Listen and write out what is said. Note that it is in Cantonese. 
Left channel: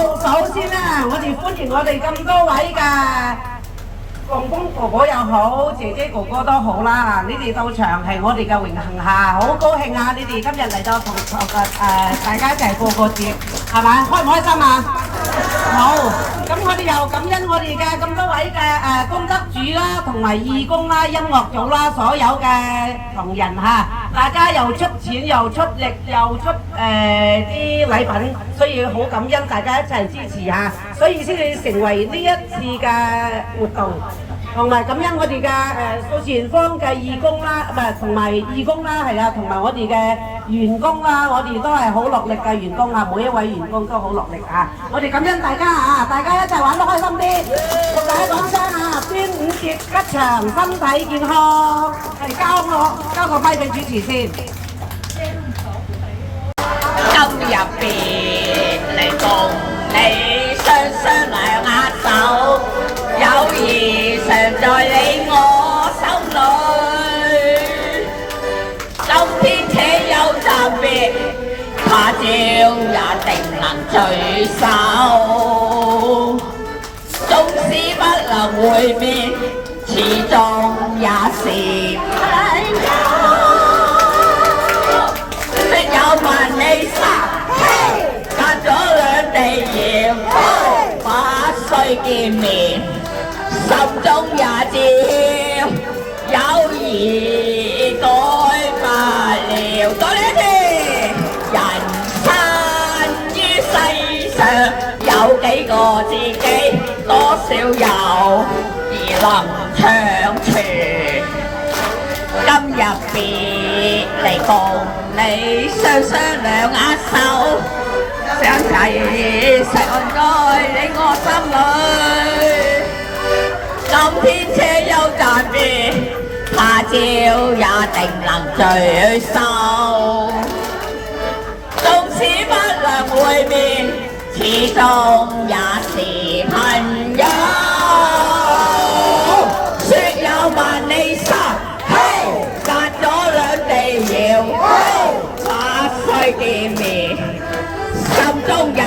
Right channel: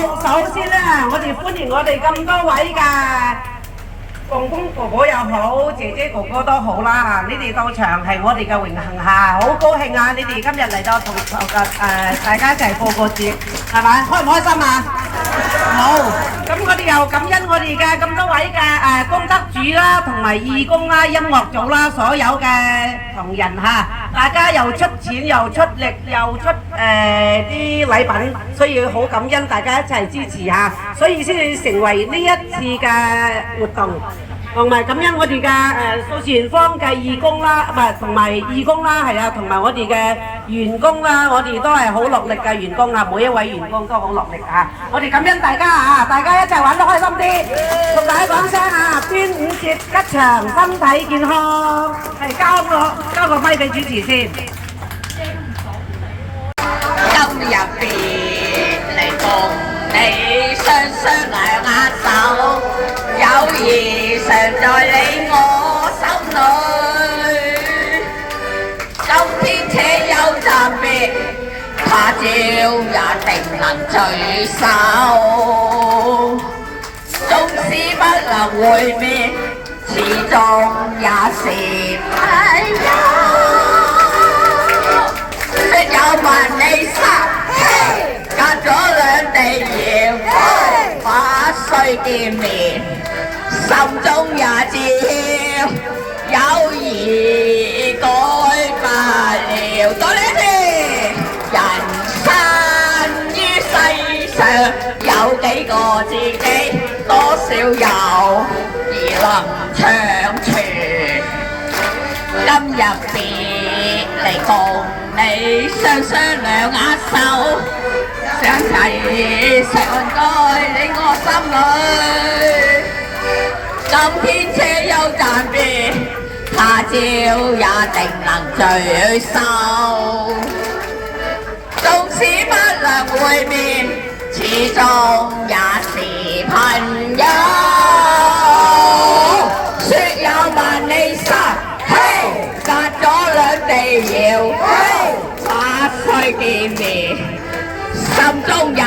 首先咧，我哋歡迎我哋咁多位嘅公公婆婆又好，姐姐哥哥都好啦，你哋到場係我哋嘅榮幸嚇，好高興啊！你哋今日嚟到同大家一齊過個節，係咪？開唔開心啊？好，咁我哋又感恩我哋嘅咁多位嘅功德主啦，同埋義工啦、音樂組啦，所有嘅同仁嚇，大家又出錢又出力又出啲禮品，所以好感恩大家一齊支持嚇，所以先至成為呢一次嘅活動。同埋感恩我哋嘅數前方嘅義工啦，唔係同埋義工啦，係啊，同埋我哋嘅員工啦，我哋都係好落力嘅員工啊，每一位員工都好落力啊！我哋感恩大家啊，大家一齊玩得開心啲，同大家講聲啊，端午節吉祥，身體健康。交個咪俾主持先。今日別嚟共你雙雙兩握手，友誼常在你我心裏。今天且休暫別，他朝也定能聚首。縱使不能會面，始終也是朋友。有萬里沙，隔咗兩地遙，不需見面，心中也知友誼改不了。多謝你，人生於世上有幾個自己，多少友誼能長存。今日別離共你雙雙兩握手，想齊常在你我心裏。今天且休暫別，他朝也定能聚首。縱使不能會面，始終也是朋友。說有萬里沙，隔咗兩地遙，不需見面，心中也